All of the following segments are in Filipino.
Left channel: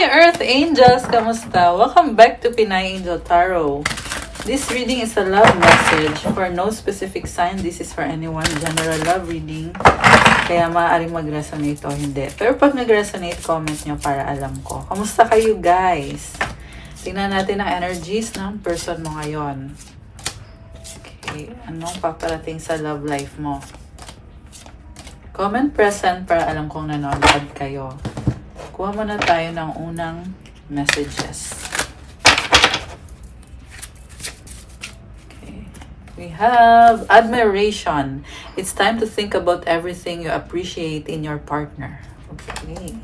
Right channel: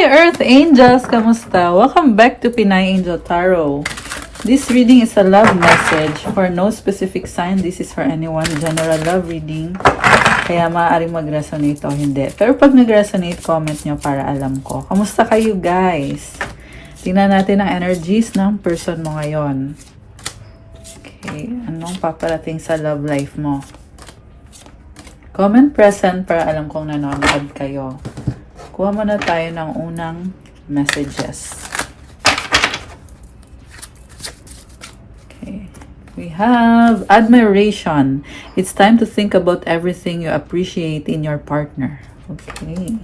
Hi Earth Angels! Kamusta? Welcome back to Pinay Angel Tarot. This reading is a love message for no specific sign. This is for anyone. General love reading. Kaya maaaring mag-resonate o hindi. Pero pag nag-resonate, comment nyo para alam ko. Kamusta kayo guys? Tingnan natin ang energies ng person mo ngayon. Okay. Ano ang paparating sa love life mo? Comment present para alam kong nanonood kayo. Kuha muna tayo ng unang messages. Okay. We have admiration. It's time to think about everything you appreciate in your partner. Okay.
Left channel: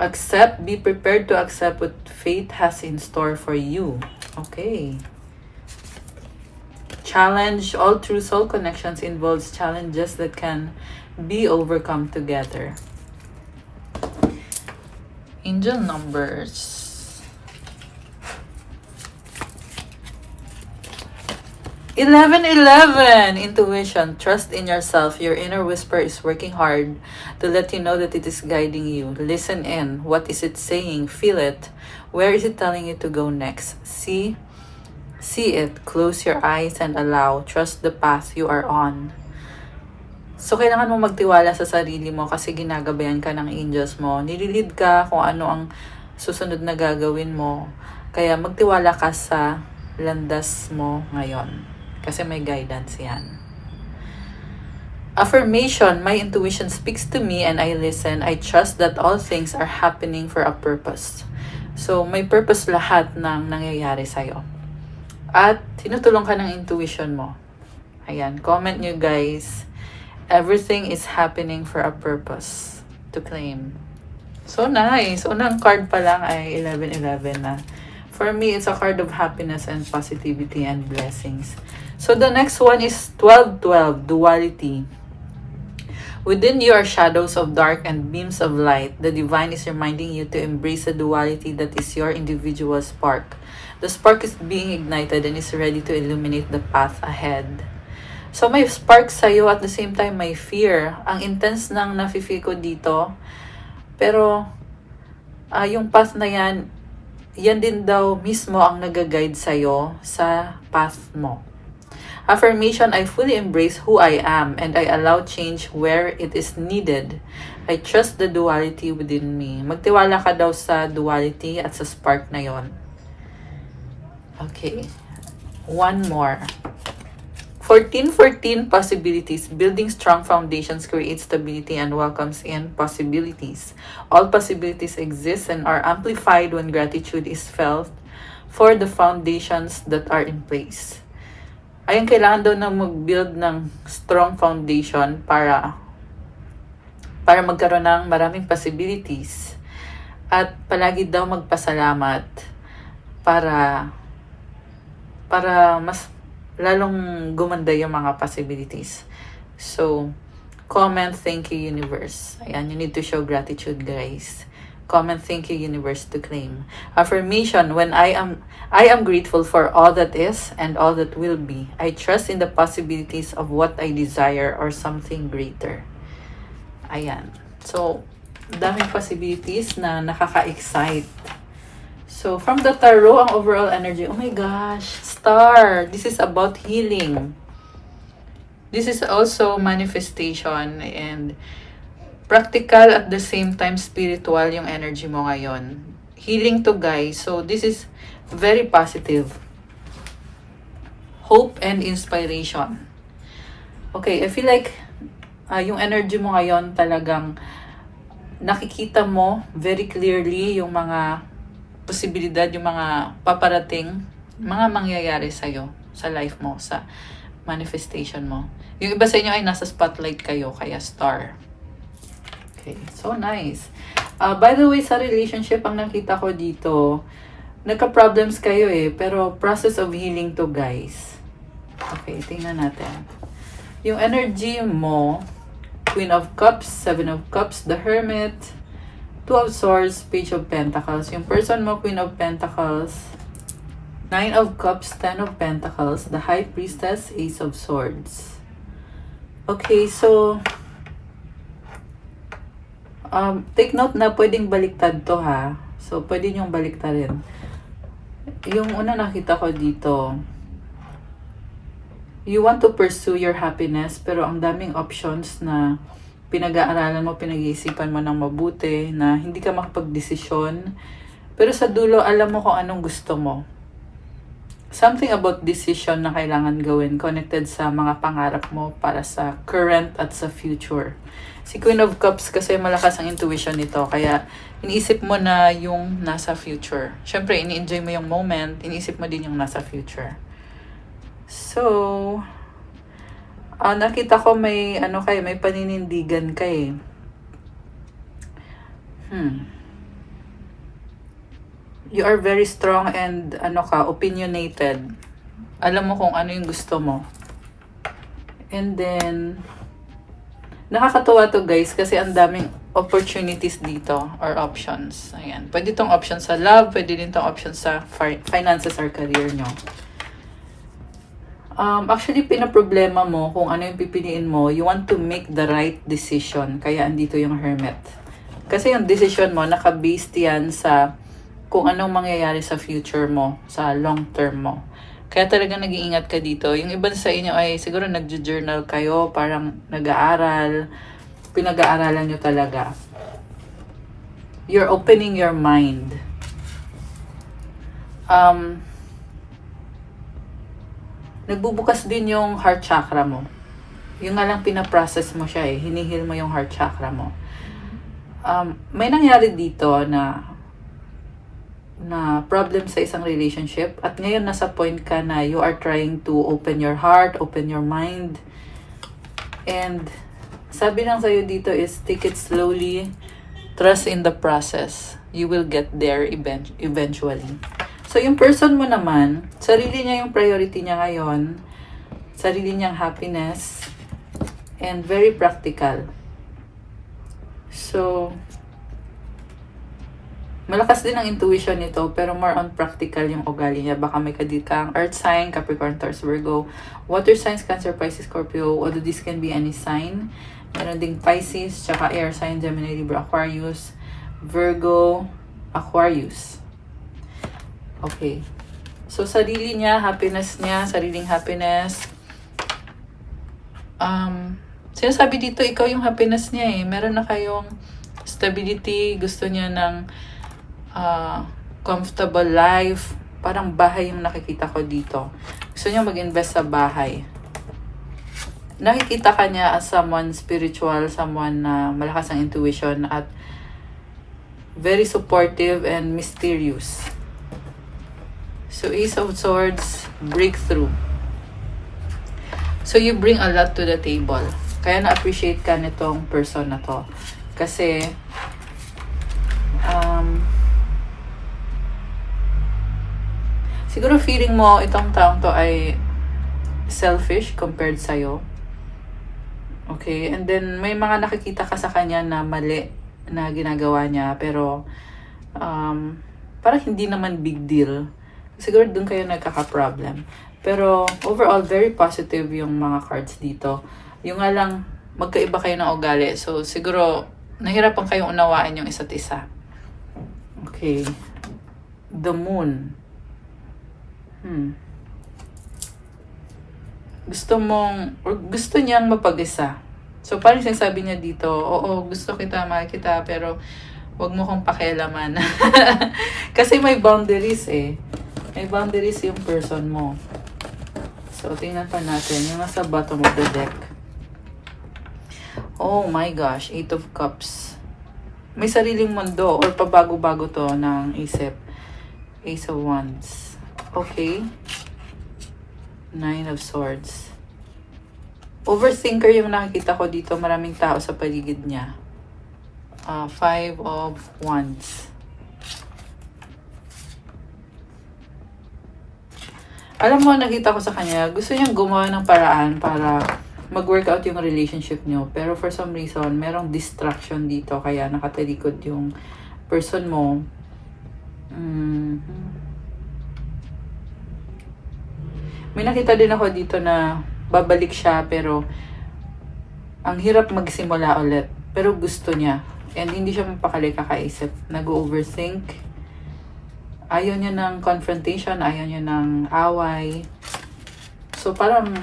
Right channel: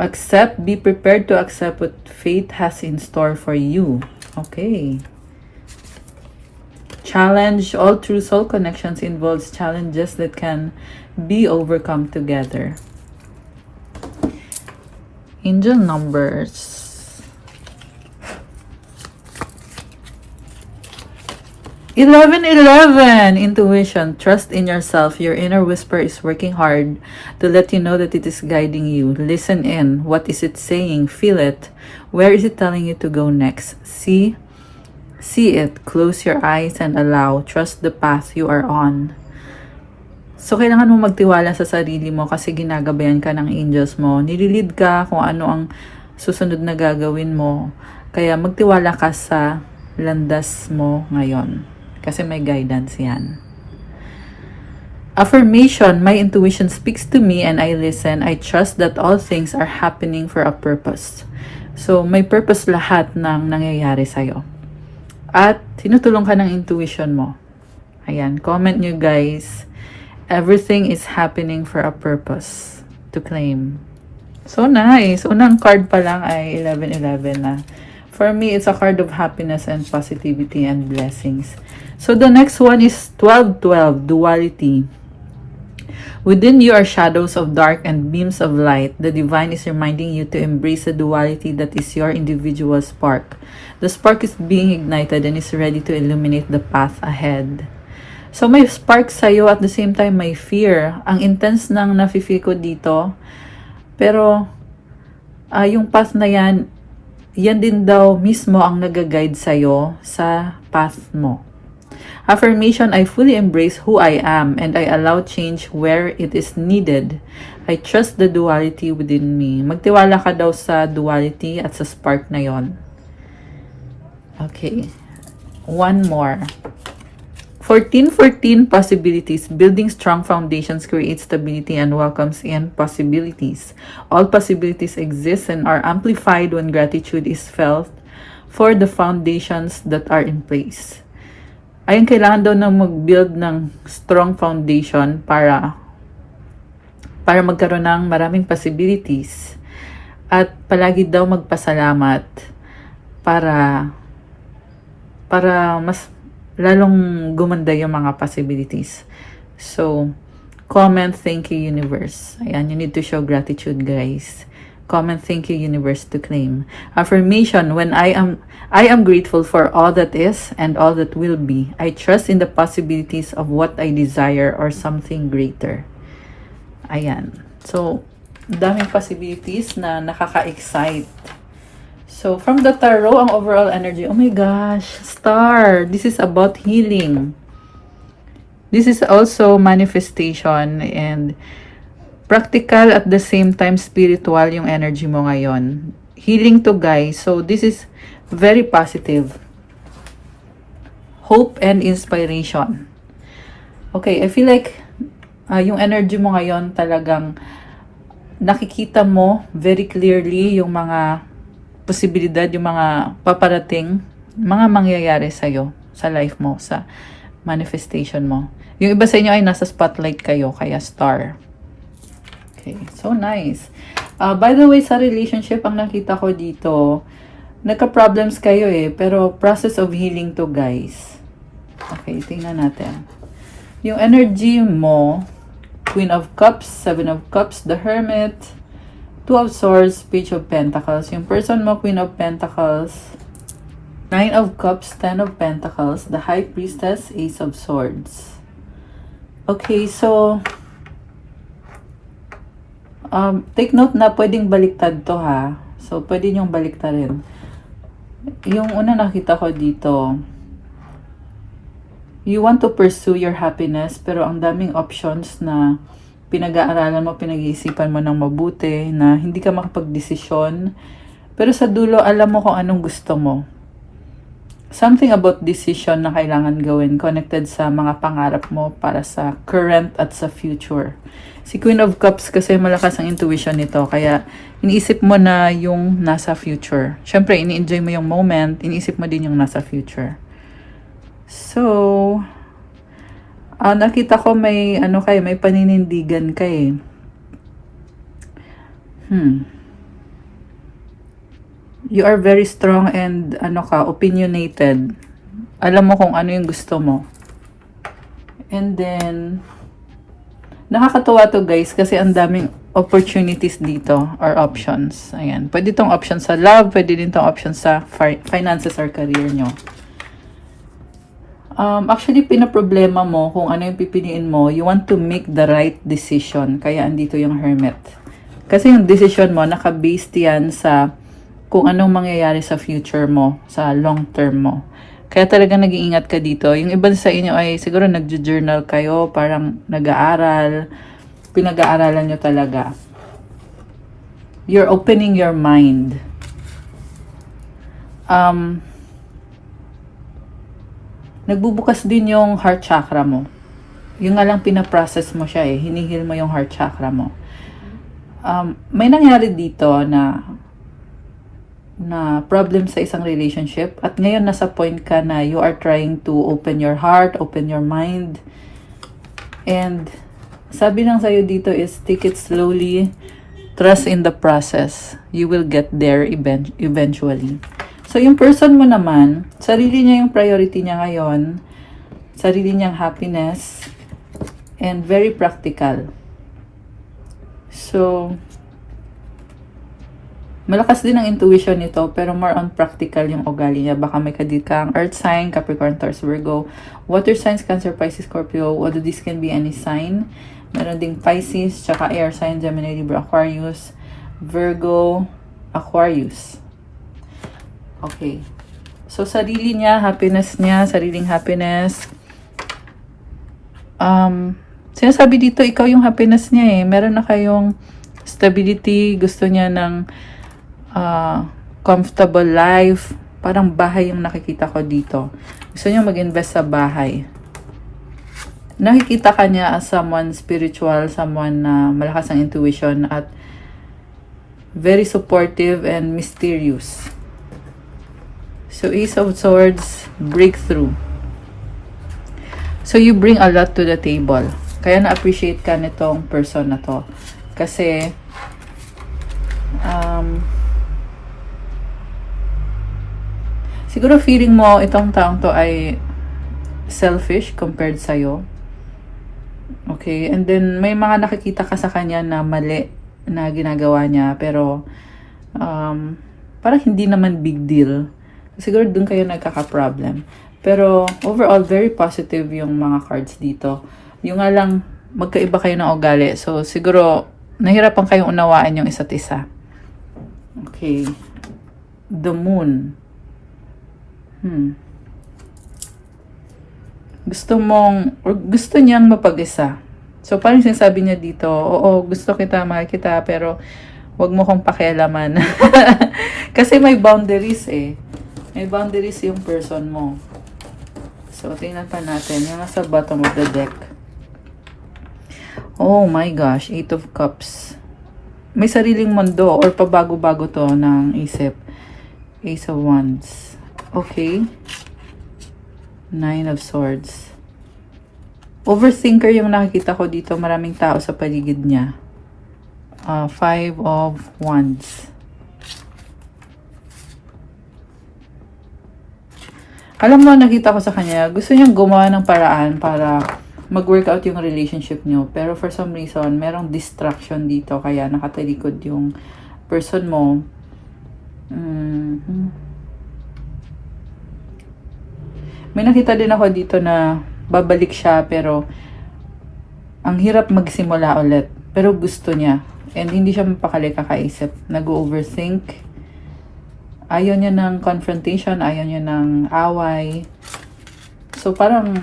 Accept. Be prepared to accept what fate has in store for you. Okay. Challenge. All true soul connections involves challenges that can be overcome together. Angel numbers. 1111. Intuition. Trust in yourself. Your inner whisper is working hard to let you know that it is guiding you. Listen in. What is it saying? Feel it. Where is it telling you to go next? See it. Close your eyes and allow. Trust the path you are on. So, kailangan mo magtiwala sa sarili mo kasi ginagabayan ka ng angels mo. Nililid ka kung ano ang susunod na gagawin mo. Kaya magtiwala ka sa landas mo ngayon. Kasi may guidance yan. Affirmation. My intuition speaks to me and I listen. I trust that all things are happening for a purpose. So, may purpose lahat ng nangyayari sa'yo. At tinutulong ka ng intuition mo. Ayan, comment nyo guys. Everything is happening for a purpose to claim. So nice. Unang card pa lang ay 1111 na. For me, it's a card of happiness and positivity and blessings. So the next one is 1212, duality. Within you are shadows of dark and beams of light. The divine is reminding you to embrace the duality that is your individual spark. The spark is being ignited and is ready to illuminate the path ahead. So may spark sa'yo at the same time may fear. Ang intense ng nafe-feel ko dito. Pero yung path na yan din daw mismo ang nag-guide sa'yo sa path mo. Affirmation, I fully embrace who I am and I allow change where it is needed. I trust the duality within me. Magtiwala ka daw sa duality at sa spark na yon. Okay. One more. 1414 possibilities. Building strong foundations creates stability and welcomes in possibilities. All possibilities exist and are amplified when gratitude is felt for the foundations that are in place. Ayun, kailangan daw na mag-build ng strong foundation para magkaroon ng maraming possibilities. At palagi daw magpasalamat para mas lalong gumanda yung mga possibilities. So, comment, thank you, universe. Ayan, you need to show gratitude, guys. Comment, thank you, universe, to claim. Affirmation, when I am grateful for all that is and all that will be. I trust in the possibilities of what I desire or something greater. Ayan. So, daming possibilities na nakaka-excite. So, from the tarot, ang overall energy, oh my gosh, star. This is about healing. This is also manifestation and practical at the same time spiritual yung energy mo ngayon. Healing to guys. So, this is very positive. Hope and inspiration. Okay, I feel like yung energy mo ngayon talagang nakikita mo very clearly yung mga posibilidad, yung mga paparating, mga mangyayari sa'yo, sa life mo, sa manifestation mo. Yung iba sa inyo ay nasa spotlight kayo, kaya star. Okay, so nice. By the way, sa relationship, ang nakita ko dito, nagka-problems kayo pero process of healing to, guys. Okay, tingnan natin. Yung energy mo, Queen of Cups, Seven of Cups, the Hermit, Two of Swords, Page of Pentacles. Yung person mo, Queen of Pentacles, Nine of Cups, Ten of Pentacles, the High Priestess, Ace of Swords. Okay, so Take note na pwedeng baliktad to ha. So, pwede niyong baliktarin. Yung una nakita ko dito, you want to pursue your happiness, pero ang daming options na pinag-aaralan mo, pinag-iisipan mo ng mabuti, na hindi ka makapag-desisyon. Pero sa dulo, alam mo kung anong gusto mo. Something about decision na kailangan gawin connected sa mga pangarap mo para sa current at sa future. Si Queen of Cups kasi malakas ang intuition nito, kaya iniisip mo na yung nasa future. Siyempre, ini-enjoy mo yung moment, iniisip mo din yung nasa future. So, nakita ko may may paninindigan kay. You are very strong and opinionated. Alam mo kung ano yung gusto mo. And then, nakakatuwa to guys kasi ang daming opportunities dito or options. Ayan. Pwede itong option sa love, pwede din itong option sa finances or career nyo. Actually, pinaproblema mo kung ano yung pipiliin mo. You want to make the right decision. Kaya andito yung Hermit. Kasi yung decision mo, naka-based yan sa kung anong mangyayari sa future mo, sa long term mo. Kaya talaga nag-iingat ka dito. Yung iba sa inyo ay siguro nag-journal kayo, parang nag-aaral, pinag-aaralan nyo talaga. You're opening your mind. Nagbubukas din yung heart chakra mo. Yung nga lang pinaprocess mo siya hinihil mo yung heart chakra mo. May nangyari dito na problem sa isang relationship at ngayon nasa point ka na you are trying to open your heart, open your mind, and sabi lang sa'yo dito is take it slowly, trust in the process, you will get there eventually. So yung person mo naman, sarili niya yung priority niya ngayon, sarili niyang happiness, and very practical. So malakas din ang intuition nito, pero more on practical yung ugali niya. Baka may kang Earth sign, Capricorn, Taurus, Virgo, Water signs, Cancer, Pisces, Scorpio, although this can be any sign. Meron ding Pisces, tsaka Air sign, Gemini, Libra, Aquarius, Virgo, Aquarius. Okay. So, sarili niya, sariling happiness. Sinasabi dito, ikaw yung happiness niya Meron na kayong stability, gusto niya ng comfortable life. Parang bahay yung nakikita ko dito. Gusto niya mag-invest sa bahay. Nakikita ka niya as someone spiritual, someone na malakas ang intuition at very supportive and mysterious. So, Ace of Swords, breakthrough. So, you bring a lot to the table. Kaya na-appreciate ka nitong person na to. Kasi, siguro feeling mo itong taong to ay selfish compared sa'yo. Okay? And then, may mga nakikita ka sa kanya na mali na ginagawa niya. Pero, parang hindi naman big deal. Siguro dun kayo nagkaka-problem. Pero, overall, very positive yung mga cards dito. Yung nga lang, magkaiba kayo ng ugali. So, siguro, nahirapan kayong unawaan yung isa't isa. Okay. The Moon. Gusto niyang mapag-isa. So, parang sinasabi niya dito, oo, gusto kita, mahal kita, pero wag mo kong pakialaman. Kasi may boundaries May boundaries yung person mo. So, tingnan pa natin. Yung nasa bottom of the deck. Oh my gosh, 8 of Cups. May sariling mundo or pabago-bago to ng isip. Ace of Wands. Okay. 9 of Swords. Overthinker yung nakikita ko dito. Maraming tao sa paligid niya. 5 of Wands. Alam mo, nakita ko sa kanya, gusto niyang gumawa ng paraan para mag-work out yung relationship niyo. Pero for some reason, merong distraction dito. Kaya nakatalikod yung person mo. May nakita din ako dito na babalik siya pero ang hirap magsimula ulit. Pero gusto niya. And hindi siya mapakali kakaisip. Nag-overthink. Ayaw niya ng confrontation, ayaw niya ng away. So parang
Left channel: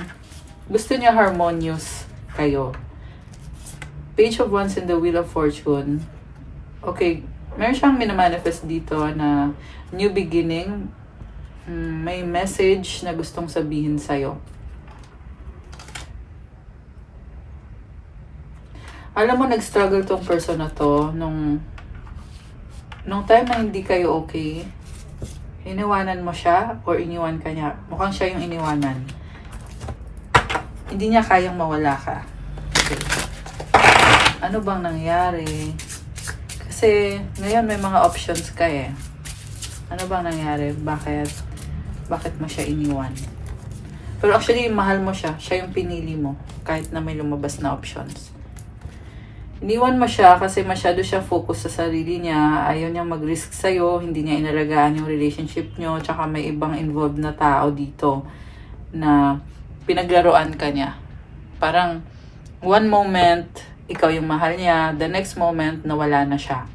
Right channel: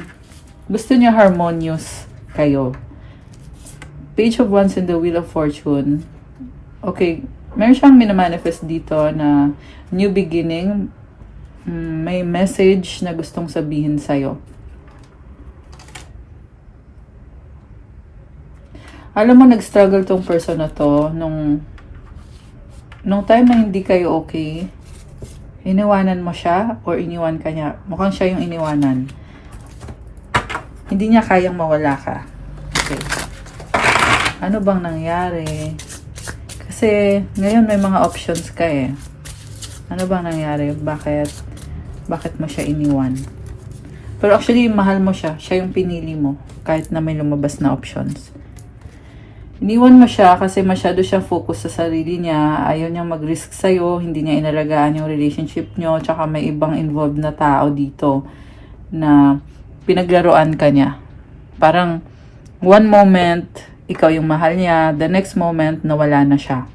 gusto niya harmonious kayo. Page of Wands in the Wheel of Fortune. Okay, meron siyang minamanifest dito na new beginning. May message na gustong sabihin sa'yo. Alam mo, nag-struggle tong person na to nung time na hindi kayo okay. Iniwanan mo siya or iniwan ka niya. Mukhang siya yung iniwanan. Hindi niya kayang mawala ka. Okay. Ano bang nangyari? Kasi ngayon may mga options ka eh. Ano bang nangyari? Bakit mo siya iniwan? Pero actually, mahal mo siya. Siya yung pinili mo. Kahit na may lumabas na options. Iniwan mo siya kasi masyado siya focus sa sarili niya. Ayaw niya mag-risk sa'yo. Hindi niya inalagaan yung relationship niyo. Tsaka may ibang involved na tao dito na pinaglaruan ka niya. Parang one moment, ikaw yung mahal niya. The next moment, nawala na siya.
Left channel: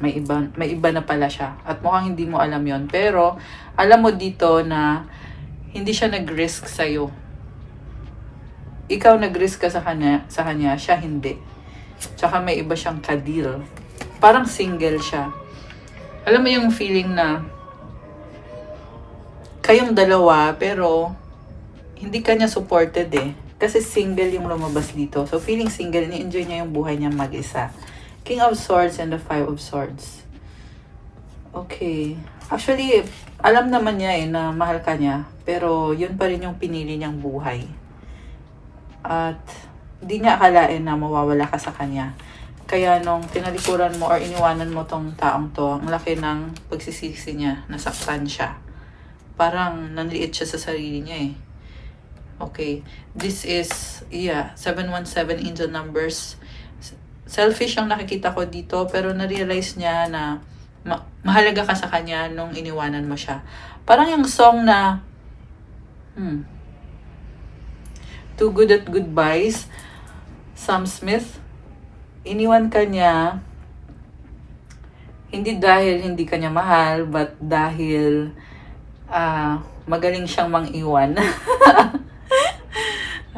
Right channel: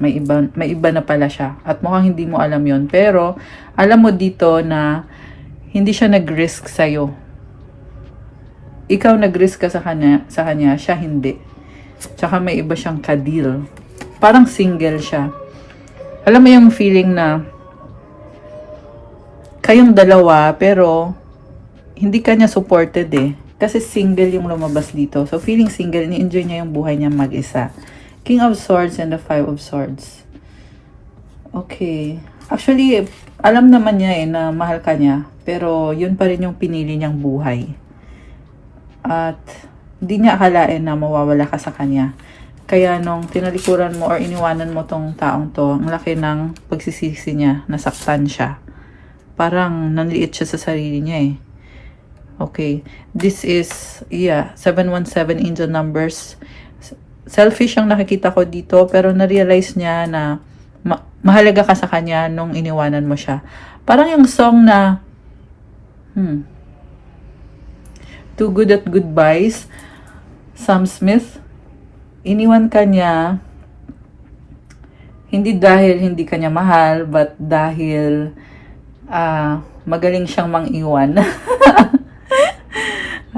May iba na pala siya. At mukhang hindi mo alam yon. Pero, alam mo dito na hindi siya nag-risk sa'yo. Ikaw nag-risk ka sa kanya, siya hindi. Tsaka may iba siyang kadil. Parang single siya. Alam mo yung feeling na kayong dalawa, pero hindi kanya supported eh. Kasi single yung lumabas dito. So, feeling single, ni-enjoy niya yung buhay niya mag-isa. King of Swords and the Five of Swords. Okay. Actually, alam naman niya eh na mahal ka niya. Pero yun pa rin yung pinili niyang buhay. At hindi niya akalain na mawawala ka sa kanya. Kaya nung tinalikuran mo or iniwanan mo tong taong to, ang laki ng pagsisisi niya, nasaktan siya. Parang nanliit siya sa sarili niya eh. Okay. This is, 717 angel numbers. Selfish ang nakikita ko dito, pero na-realize niya na mahalaga ka sa kanya nung iniwanan mo siya. Parang yung song na Too Good at Goodbyes, Sam Smith, iniwan ka niya hindi dahil hindi ka niya mahal, but dahil magaling siyang mang-iwan.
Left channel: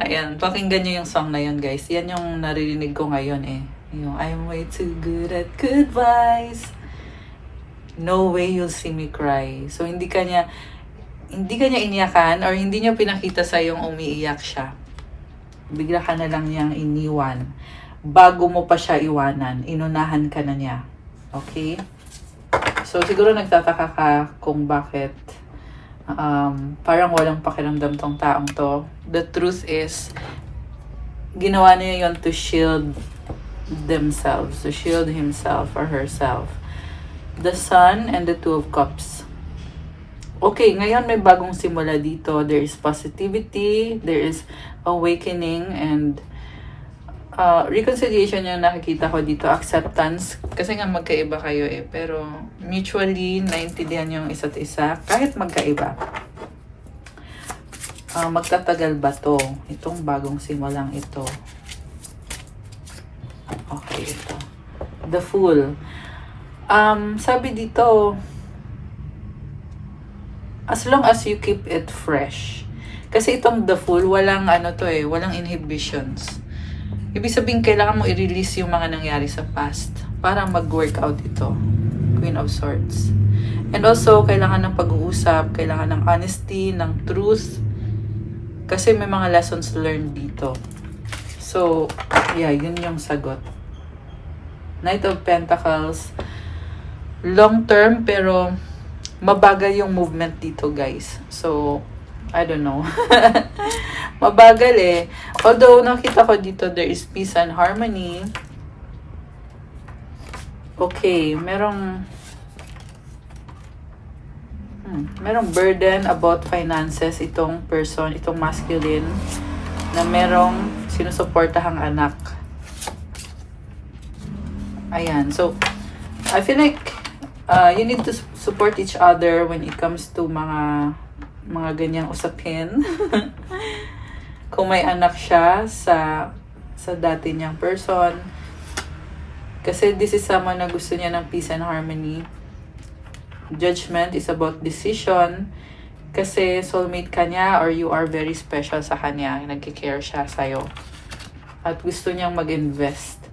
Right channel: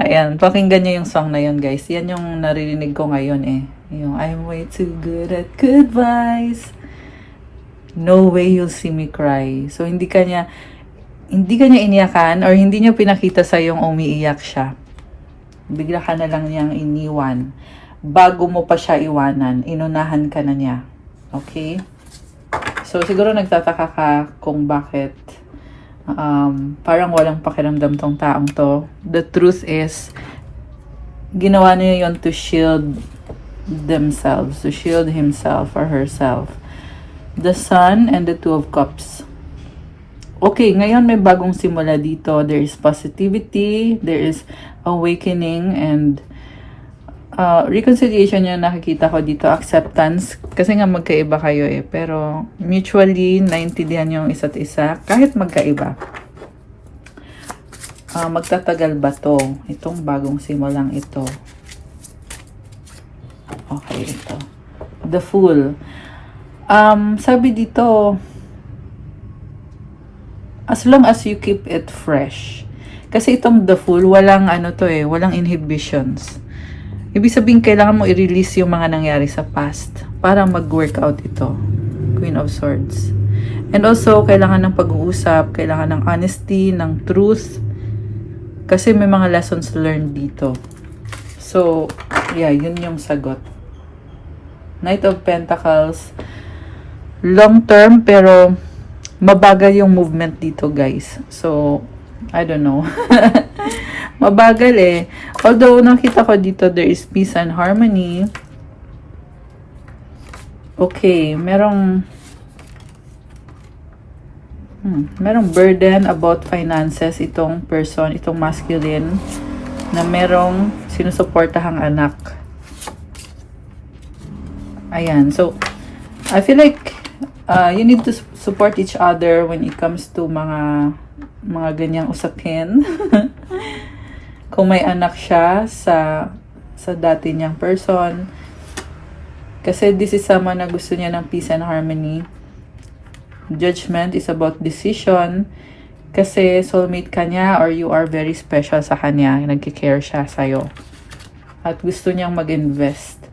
Ayan, pakinggan niyo yung song na yun, guys. Yan yung naririnig ko ngayon eh. Yung, I'm way too good at goodbyes. No way you'll see me cry. So, hindi ka niya iniyakan or hindi niya pinakita sa yung umiiyak siya. Bigla ka na lang niyang iniwan. Bago mo pa siya iwanan, inunahan ka na niya. Okay? So, siguro nagtataka ka kung bakit parang walang pakiramdam tong taong to. The truth is, ginawa niya yun to shield themselves, to shield himself or herself. The Sun and the Two of Cups. Okay, ngayon may bagong simula dito. There is positivity, there is awakening, and reconciliation yung nakikita ko dito. Acceptance. Kasi nga magkaiba kayo eh. Pero mutually naintindihan yung isa't isa. Kahit magkaiba. Magtatagal ba to? Itong bagong simulang ito. Okay, ito. The Fool. Sabi dito, as long as you keep it fresh. Kasi itong The Fool, walang walang inhibitions. Ibig sabihin, kailangan mo i-release yung mga nangyari sa past para mag-work out ito. Queen of Swords. And also, kailangan ng pag-uusap, kailangan ng honesty, ng truth. Kasi may mga lessons learned dito. So, yun yung sagot. Knight of Pentacles. Long term, pero mabagal yung movement dito, guys. So, I don't know. Mabagal eh. Although, nakita ko dito, there is peace and harmony. Okay, merong burden about finances itong person, itong masculine, na merong sinusuportahang anak. Ayan. So, I feel like you need to support each other when it comes to mga ganyang usapin. Kung may anak siya sa dati niyang person, Kasi this is someone na gusto niya ng peace and harmony. Judgment is about decision. Kasi soulmate ka niya or you are very special sa kanya. Nagkikare siya sa'yo. At gusto niyang mag-invest.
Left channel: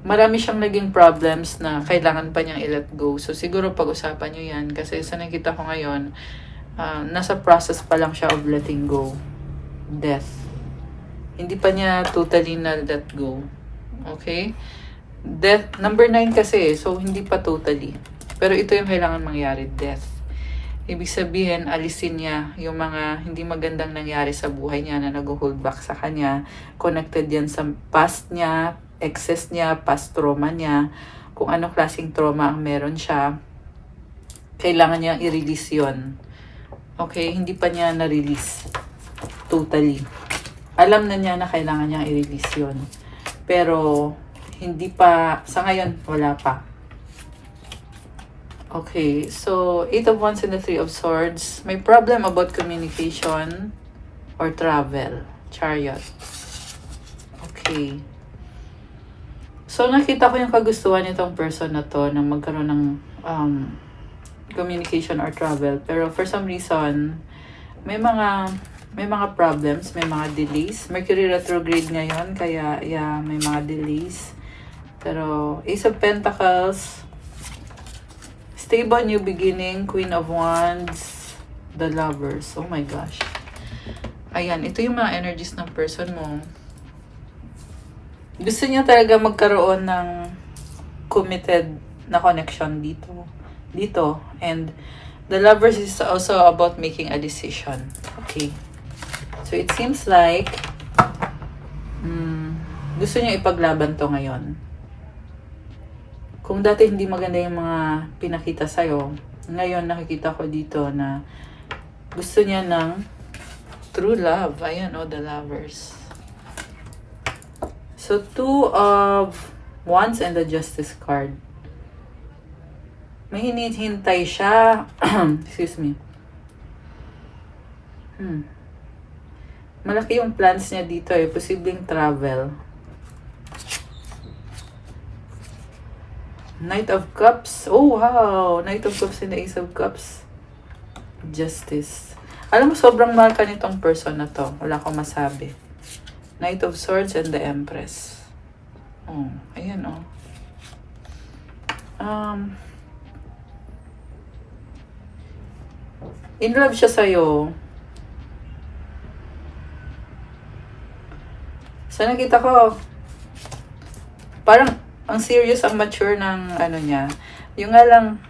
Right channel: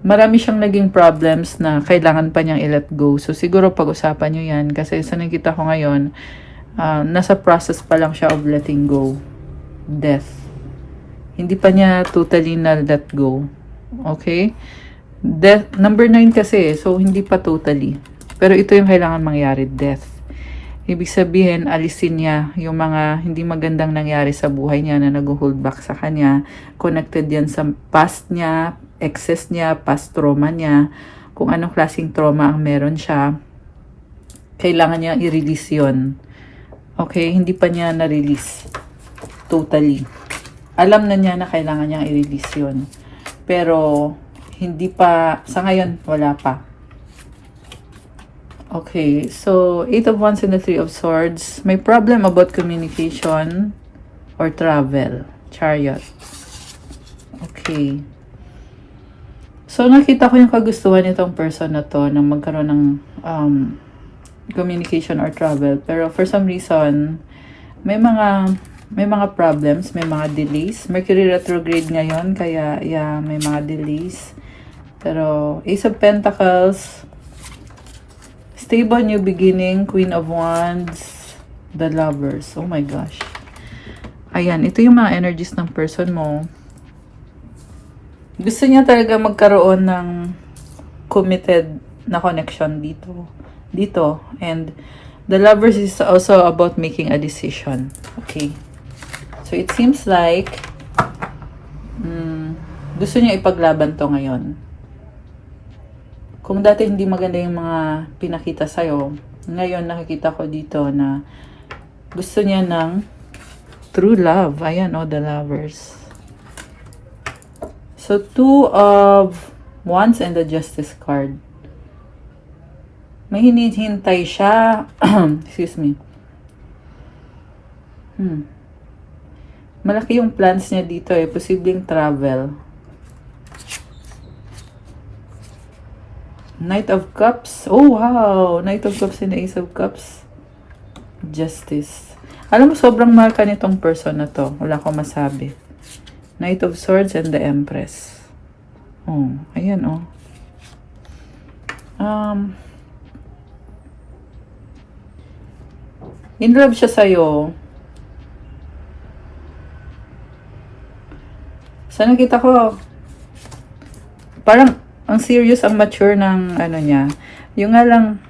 Marami siyang naging problems na kailangan pa niyang i-let go. So siguro pag-usapan niyo yan. Kasi sa nakita ko ngayon, nasa process pa lang siya of letting go. Death. Hindi pa niya totally na-let go. Okay? Death, number 9 kasi, so hindi pa totally. Pero ito yung kailangan mangyari, death. Ibig sabihin, alisin niya yung mga hindi magandang nangyari sa buhay niya na nag-hold back sa kanya. Connected yan sa past niya, excess niya, past trauma niya, kung anong klaseng trauma ang meron siya. Kailangan niya i-release yun. Okay? Hindi pa niya na-release. Totally. Alam na niya na kailangan niya i-release yun. Pero, hindi pa, sa ngayon, wala pa. Okay, so 8 of Wands and the 3 of Swords. May problem about communication or travel. Chariot. Okay. So, nakita ko yung kagustuhan nitong person na to na magkaroon ng communication or travel. Pero for some reason, may mga problems, may mga delays. Mercury retrograde ngayon, kaya yeah, may mga delays. Pero Ace of Pentacles, stable new beginning, Queen of Wands, the Lovers. Oh my gosh. Ayan, ito yung mga energies ng person mo. Gusto niya talaga magkaroon ng committed na connection dito. And the Lovers is also about making a decision. Okay. So, it seems like gusto niya ipaglaban to ngayon. Kung dati hindi maganda yung mga pinakita sa'yo, ngayon nakikita ko dito na gusto niya ng true love. Ayan, the Lovers. So, 2 of Wands and the Justice card. May hinihintay siya. Excuse me. Malaki yung plans niya dito posibleng travel. Knight of Cups. Oh, wow. Knight of Cups and the Ace of Cups. Justice. Alam mo, sobrang mahal ka nitong person na to. Wala ko masabi. Knight of Swords and the Empress. Oh, ayan in love siya sa'yo. So, nakita ko, parang ang serious, ang mature ng niya. Yung nga lang,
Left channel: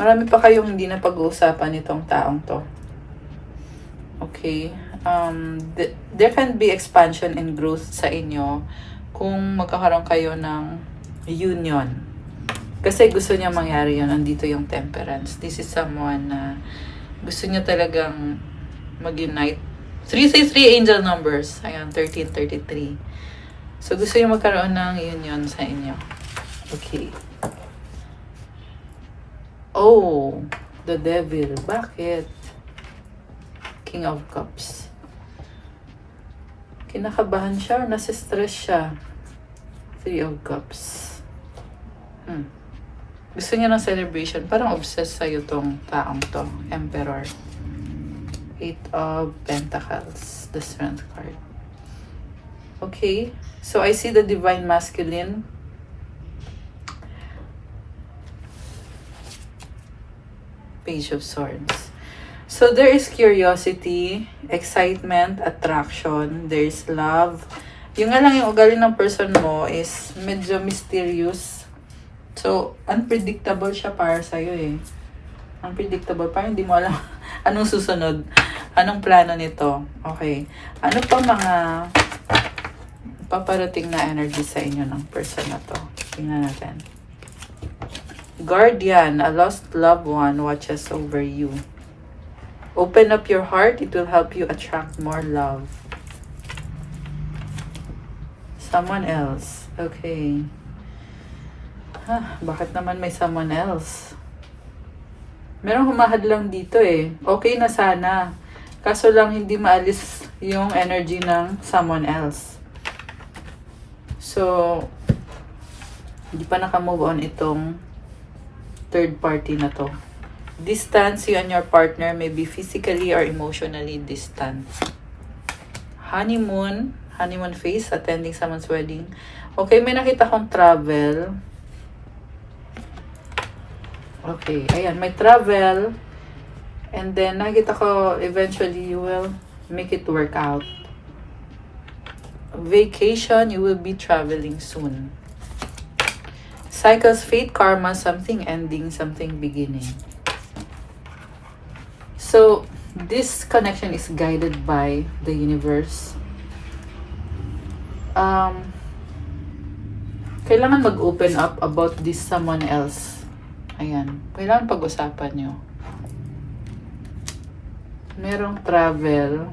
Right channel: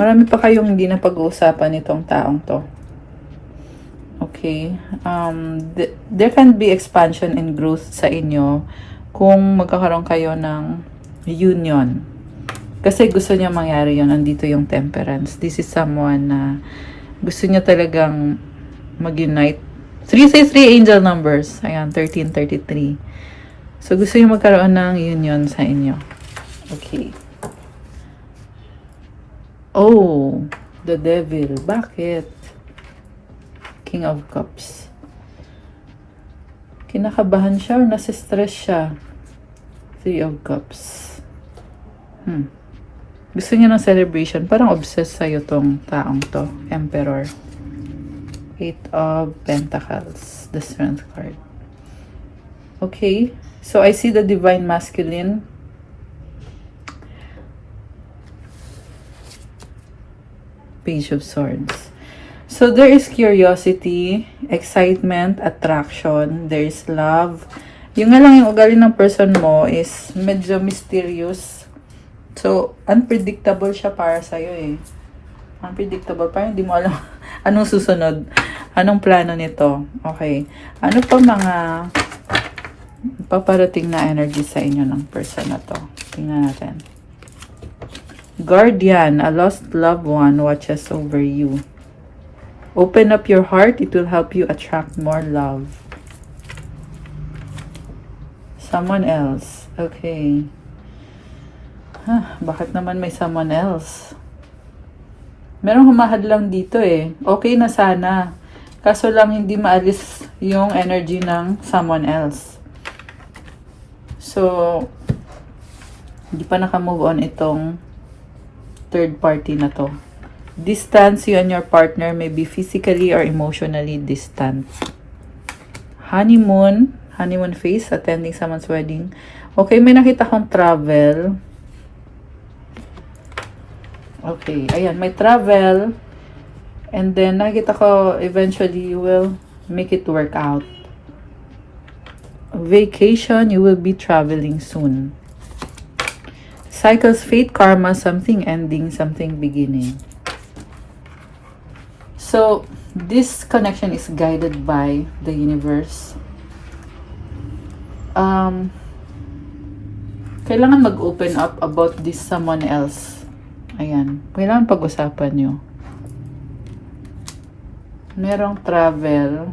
marami pa kayong hindi na pag-uusapan nitong taong to. Okay. There can be expansion and growth sa inyo kung magkakaroon kayo ng union. Kasi gusto niya mangyari yun. Nandito yung Temperance. This is someone na gusto niya talagang mag-unite. 333 angel numbers. Ayan, 1333. So, gusto niya magkaroon ng union sa inyo. Okay. Oh, the Devil. Bakit? King of Cups. Kinakabahan siya or nasa-stress siya? 3 of Cups. Gusto niya ng celebration. Parang obsessed sa'yo tong taong to. Emperor. 8 of Pentacles. The Strength card. Okay. So, I see the Divine Masculine. Page of Swords. So, there is curiosity, excitement, attraction. There is love. Yung nga lang yung ugali ng person mo is medyo mysterious. So, unpredictable siya para sa'yo Unpredictable. Parang hindi mo alam anong susunod. Anong plano nito. Okay. Ano pa mga paparating na energy sa inyo ng person na to? Tingnan natin. Guardian, a lost loved one watches over you. Open up your heart. It will help you attract more love. Someone else. Okay. Bakit naman may someone else? Merong humahad lang dito Okay na sana. Kaso lang hindi maalis yung energy ng someone else. So, hindi pa naka-move on itong third party na to. Distance, you and your partner may be physically or emotionally distant. Honeymoon phase, attending someone's wedding. Okay, may nakita kong travel. Okay, ayan, may travel. And then, nakita ko, eventually, you will make it work out. Vacation, you will be traveling soon. Cycles, fate, karma, something ending, something beginning. So, this connection is guided by the universe. Kailangan mag-open up about this someone else. Ayan. Kailangan pag-usapan nyo. Merong travel.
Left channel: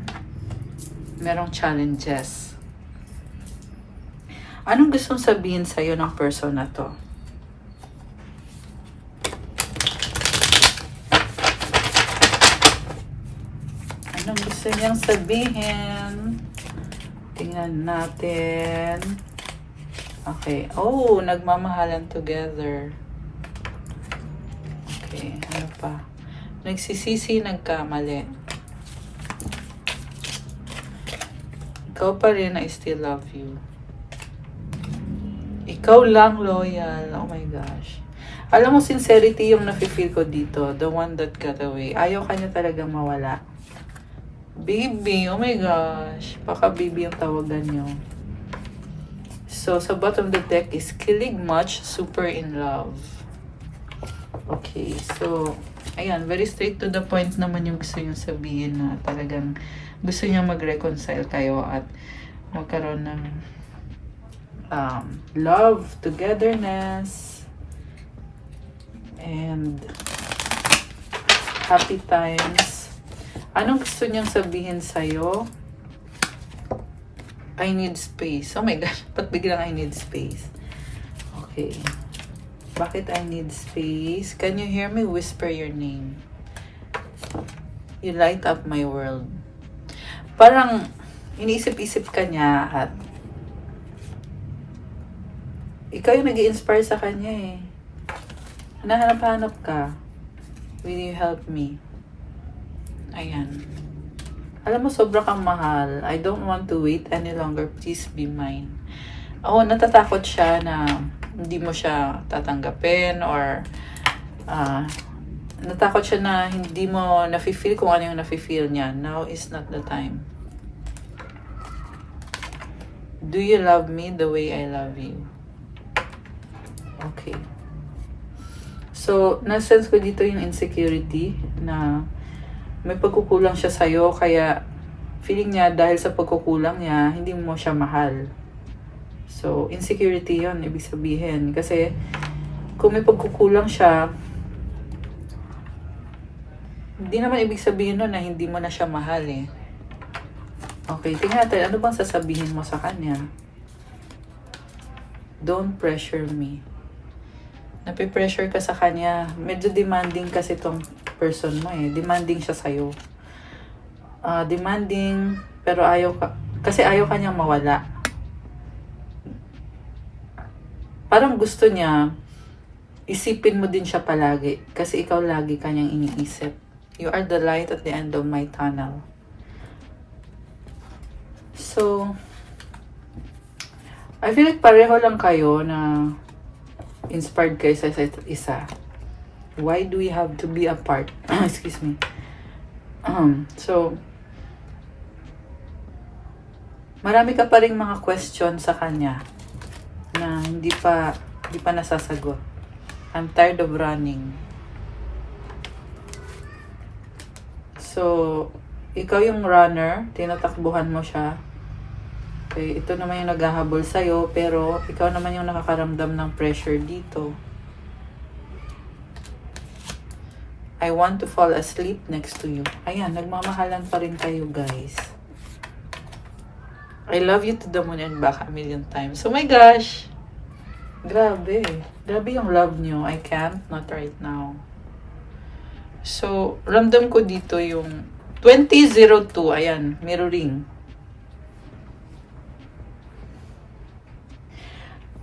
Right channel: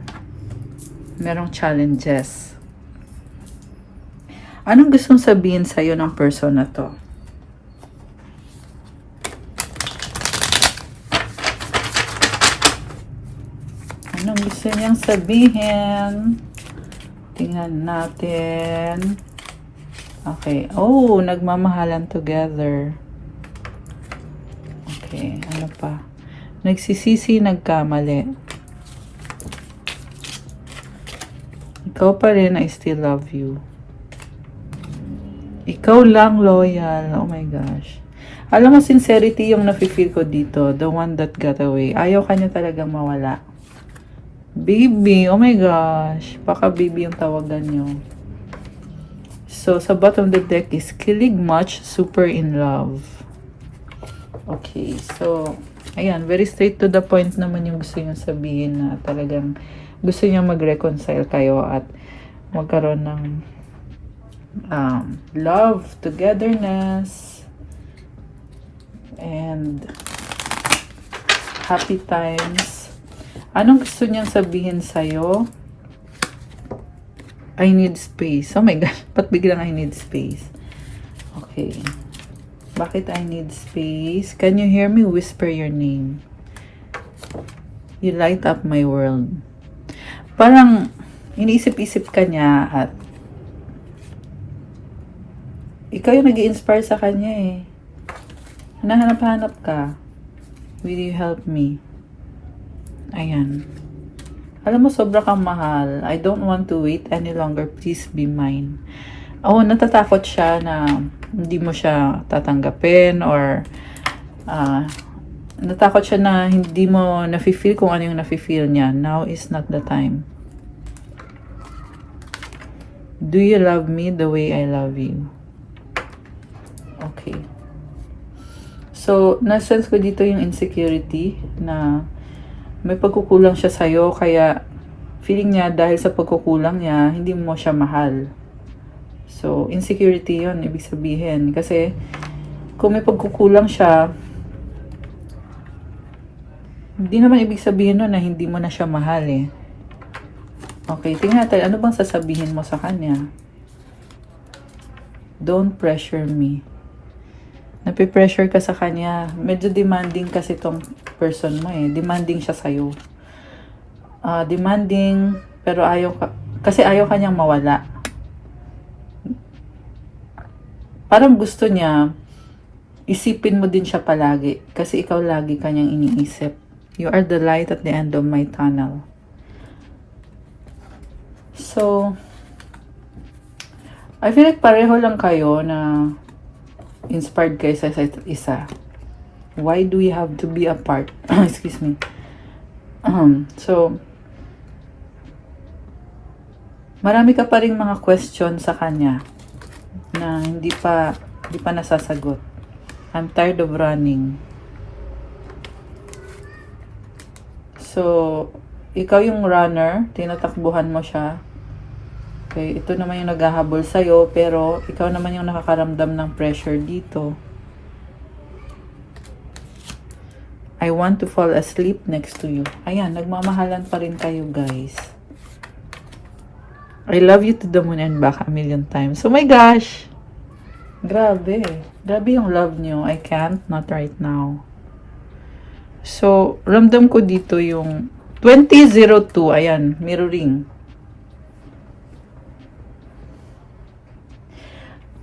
Merong challenges. Anong gustong sabihin sa'yo ng person na to? Anong gusto niyang sabihin? Tingnan natin. Okay. Oh, nagmamahalan together. Okay, ano pa? Nagsisisi, nagkamali. Ikaw pa rin, I still love you. Ikaw lang loyal. Oh my gosh. Alam mo, sincerity yung nafe-feel ko dito. The one that got away. Ayaw ka niya talaga mawala. Baby. Oh my gosh. Baka baby yung tawagan niyo. So, sa bottom of the deck is kilig much, super in love. Okay, so, ayan, very straight to the point naman yung gusto niyong sabihin na talagang gusto niya mag-reconcile kayo at magkaroon ng love, togetherness, and happy times. Anong gusto niyang sabihin sa'yo? I need space. Oh my gosh, ba't biglang I need space? Okay. Bakit I need space? Can you hear me whisper your name? You light up my world. Parang iniisip-isip ka niya at ikaw yung nag-i-inspire sa kanya eh. Hanahanap-hanap ka. Will you help me? Ayan. Alam mo, sobra kang mahal. I don't want to wait any longer. Please be mine. Oh, natatakot siya na hindi mo siya tatanggapin or natakot siya na hindi mo nafe-feel kung ano yung nafe-feel niya. Now is not the time. Do you love me the way I love you? Okay. So, na-sense ko dito yung insecurity na may pagkukulang siya sa'yo, kaya feeling niya dahil sa pagkukulang niya, hindi mo siya mahal. So, insecurity yun, ibig sabihin. Kasi, kung may pagkukulang siya, hindi naman ibig sabihin nun na hindi mo na siya mahal eh. Okay, tingnan natin, ano bang sasabihin mo sa kanya? Don't pressure me. Napipressure ka sa kanya. Medyo demanding kasi tong person mo eh. Demanding siya sa'yo. Demanding, pero kasi ayaw kanyang mawala. Parang gusto niya, isipin mo din siya palagi. Kasi ikaw lagi kanyang iniisip. You are the light at the end of my tunnel. So, I feel like pareho lang kayo na inspired kayo sa isa. Why do we have to be apart? Excuse me. So, marami ka pa rin mga question sa kanya na hindi pa nasasagot. I'm tired of running. So, ikaw yung runner, tinatakbuhan mo siya. Okay, ito naman yung naghahabol sa'yo, pero ikaw naman yung nakakaramdam ng pressure dito. I want to fall asleep next to you. Ayan, nagmamahalan pa rin kayo, guys. I love you to the moon and back a million times. Oh my gosh! Grabe. Grabe yung love nyo. I can't, not right now. So, ramdam ko dito yung 2002. Ayan, mirroring.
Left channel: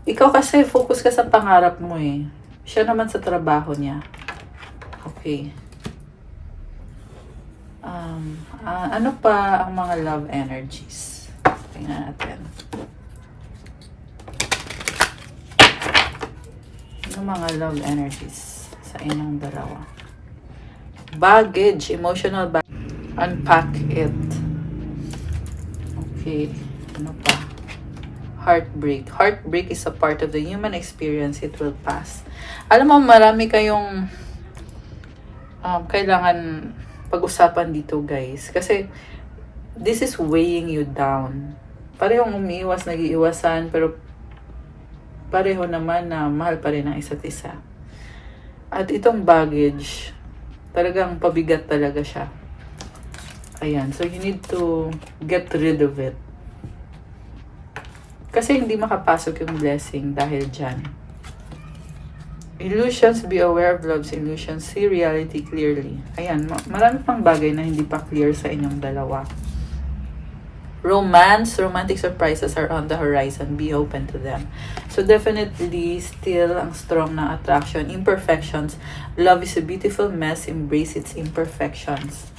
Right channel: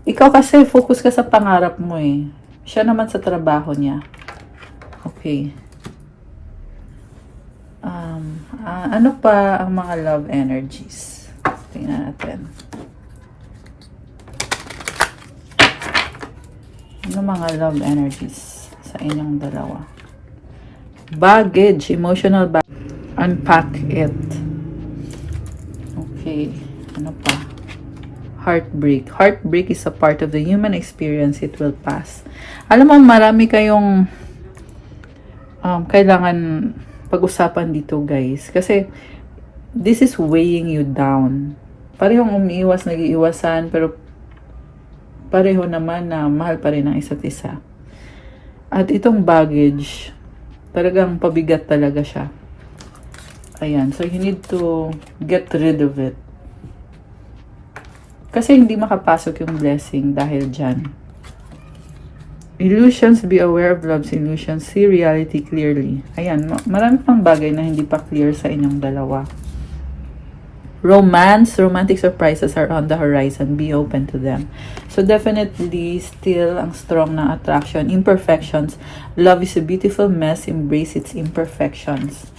Ikaw kasi focus ka sa pangarap mo eh. Siya naman sa trabaho niya. Okay. Ano pa ang mga love energies? Tingnan natin. Ano mga love energies sa inyong dalawa? Baggage, emotional baggage. Unpack it. Okay. Ano pa? Heartbreak. Heartbreak is a part of the human experience. It will pass. Alam mo, marami kayong kailangan pag-usapan dito, guys. Kasi, this is weighing you down. Parehong umiiwas, nag-iiwasan, pero pareho naman na mahal pa rin ang isa't isa. At itong baggage, talagang pabigat talaga siya. Ayan. So, you need to get rid of it. Kasi hindi makapasok yung blessing dahil dyan. Illusions, be aware of love's illusions. See reality clearly. Ayan, marami pang bagay na hindi pa clear sa inyong dalawa. Romance, romantic surprises are on the horizon. Be open to them. So definitely, still ang strong ng attraction. Imperfections. Love is a beautiful mess. Embrace its imperfections.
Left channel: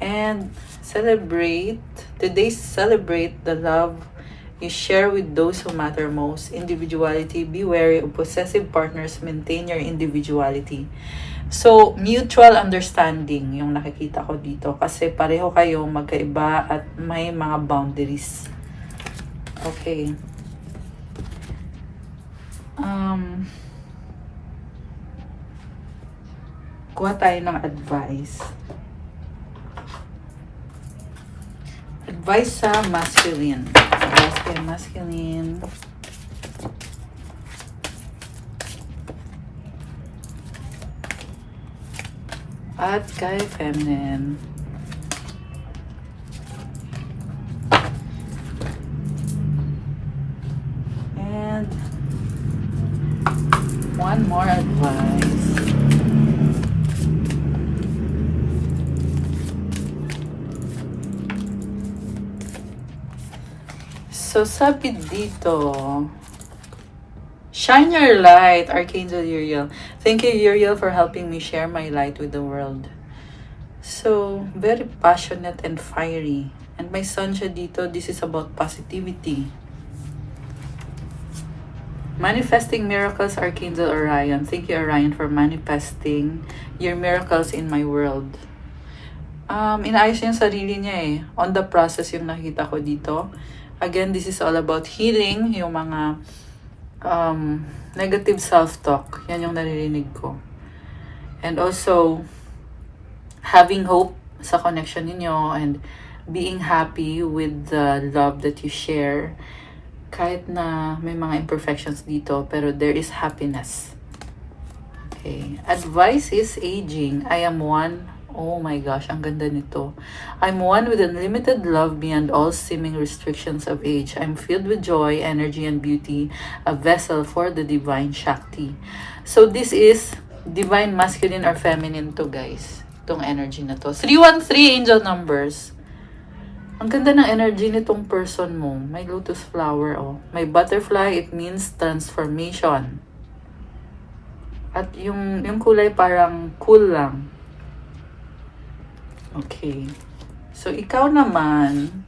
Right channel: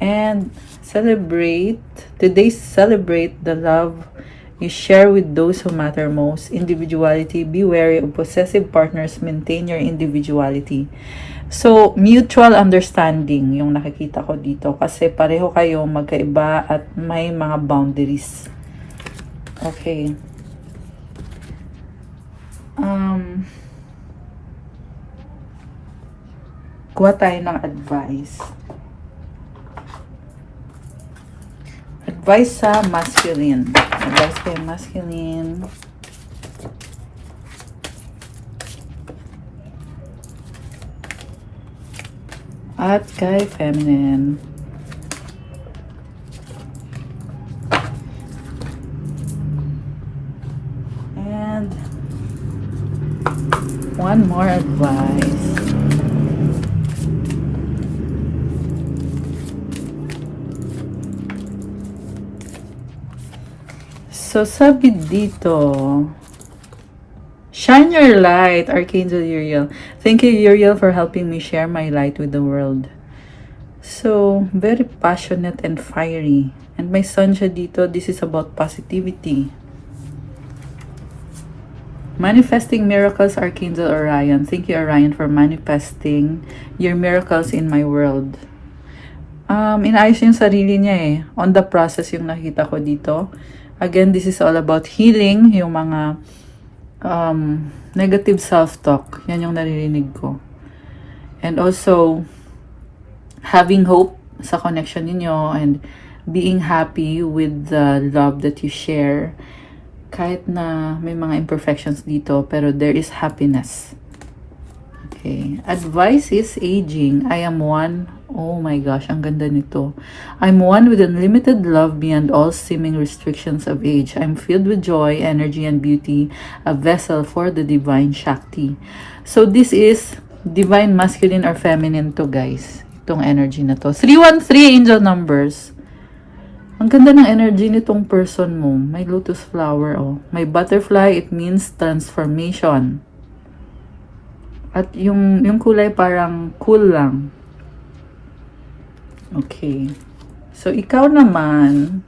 And celebrate. Today, celebrate the love you share with those who matter most. Individuality. Be wary of possessive partners. Maintain your individuality. So, mutual understanding yung nakikita ko dito. Kasi pareho kayo magkaiba at may mga boundaries. Okay. Kuha tayo ng advice. Advice sa masculine. Advice kay masculine. At kay feminine. And one more advice. So, sabi dito, shine your light, Archangel Uriel. Thank you, Uriel, for helping me share my light with the world. So, very passionate and fiery. And may sun siya dito. This is about positivity. Manifesting miracles, Archangel Orion. Thank you, Orion, for manifesting your miracles in my world. Inayos yung sarili niya eh. On the process yung nakita ko dito. Again, this is all about healing, yung mga negative self-talk. Yan yung naririnig ko. And also, having hope sa connection ninyo and being happy with the love that you share. Kahit na may mga imperfections dito, pero there is happiness. Okay. Advice is aging. I am one. Oh my gosh, ang ganda nito. I'm one with unlimited love beyond all seeming restrictions of age. I'm filled with joy, energy, and beauty, a vessel for the divine Shakti. So this is divine masculine or feminine to, guys. Itong energy na to. 313 angel numbers. Ang ganda ng energy nitong person mo. May lotus flower, oh. May butterfly, it means transformation. At yung kulay parang cool lang. Okay. So, ikaw naman,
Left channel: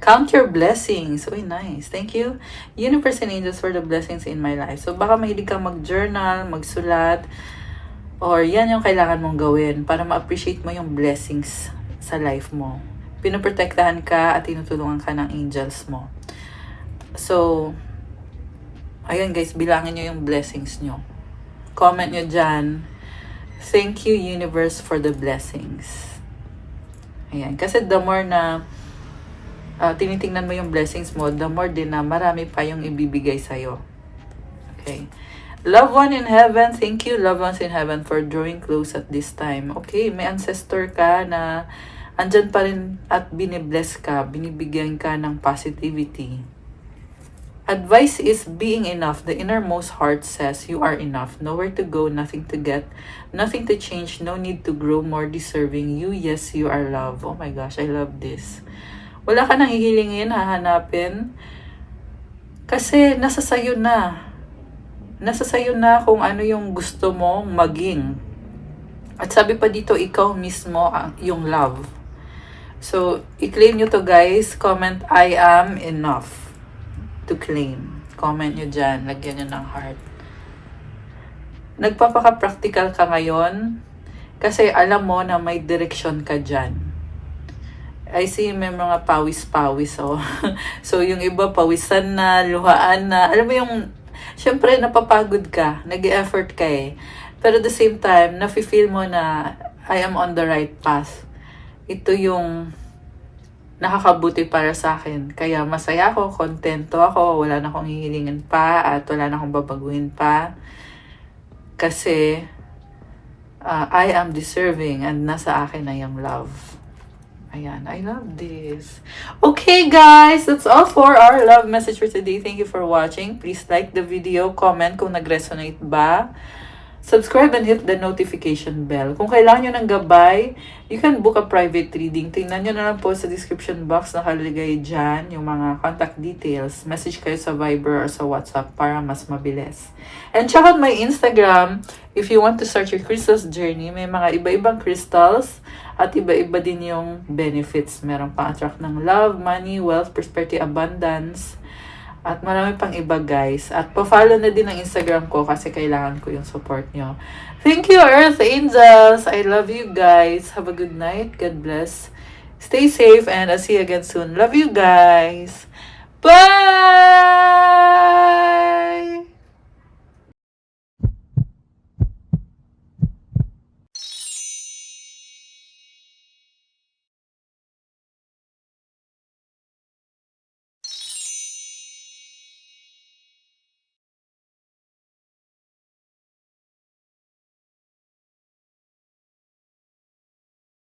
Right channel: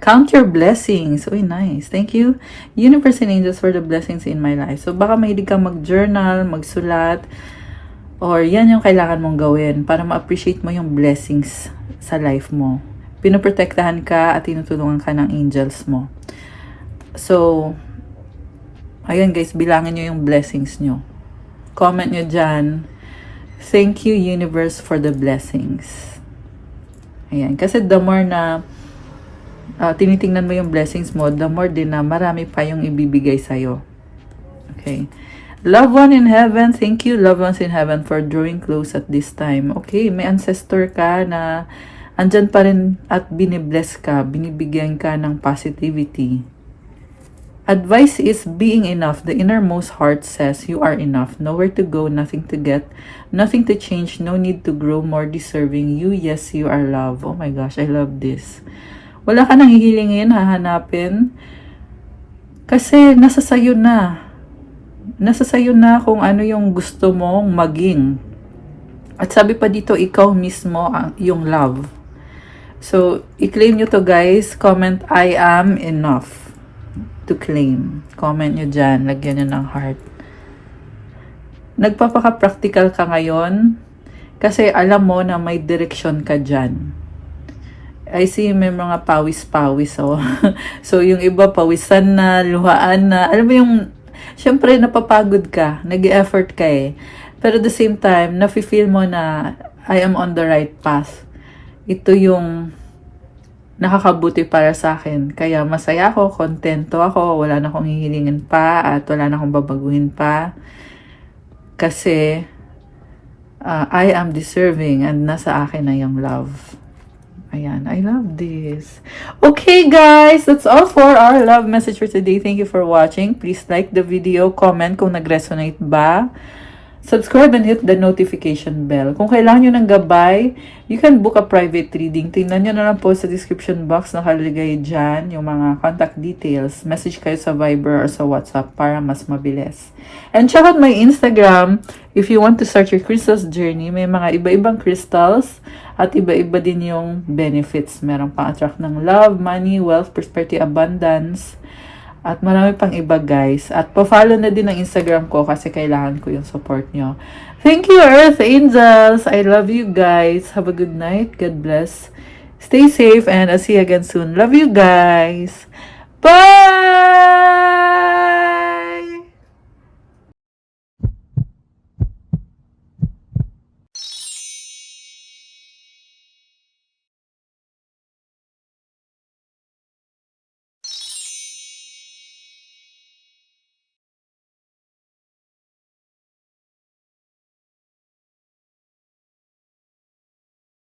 count your blessings. Uy, nice. Thank you, universe and angels, for the blessings in my life. So, baka mahilig ka mag-journal, magsulat, or yan yung kailangan mong gawin para ma-appreciate mo yung blessings sa life mo. Pinoprotektahan ka at tinutulungan ka ng angels mo. So, ayun guys, bilangin nyo yung blessings nyo. Comment nyo dyan. Thank you, universe, for the blessings. Ayan. Kasi the more na tinitingnan mo yung blessings mo, the more din na marami pa yung ibibigay sa'yo. Okay. Loved one in heaven, thank you, loved ones in heaven, for drawing close at this time. Okay, may ancestor ka na andyan pa rin at binibless ka, binibigyan ka ng positivity. Advice is being enough. The innermost heart says you are enough. Nowhere to go, nothing to get, nothing to change, no need to grow more deserving. You, yes, you are love. Oh my gosh, I love this. Wala ka nang hihilingin, hahanapin. Kasi nasa sayo na. Nasa sayo na kung ano yung gusto mong maging. At sabi pa dito, ikaw mismo yung love. So, i-claim nyo to guys. Comment, I am enough. To claim. Comment nyo dyan. Lagyan nyo ng heart. Nagpapaka-practical ka ngayon kasi alam mo na may direksyon ka dyan. I see may mga pawis-pawis. Oh. So, yung iba pawisan na, luhaan na. Alam mo yung, syempre napapagod ka. Nag-effort ka eh. Pero at the same time, nafe-feel mo na I am on the right path. Ito yung nakakabuti para sa akin. Kaya masaya ako, kontento ako, wala na akong hihilingin pa at wala na akong babaguhin pa. Kasi I am deserving and nasa akin na yung love. Ayan, I love this. Okay guys, that's all for our love message for today. Thank you for watching. Please like the video, comment kung nag-resonate ba. Subscribe and hit the notification bell. Kung kailangan nyo ng gabay, you can book a private reading. Tingnan nyo na lang po sa description box nakalagay dyan yung mga contact details. Message kayo sa Viber or sa WhatsApp para mas mabilis. And check out my Instagram if you want to start your crystals journey. May mga iba-ibang crystals at iba-iba din yung benefits. Meron pang attract ng love, money, wealth, prosperity, abundance. At marami pang iba guys. At pa-follow na din ang Instagram ko kasi kailangan ko yung support nyo. Thank you Earth Angels. I love you guys. Have a good night. God bless. Stay safe and I'll see you again soon. Love you guys. Bye!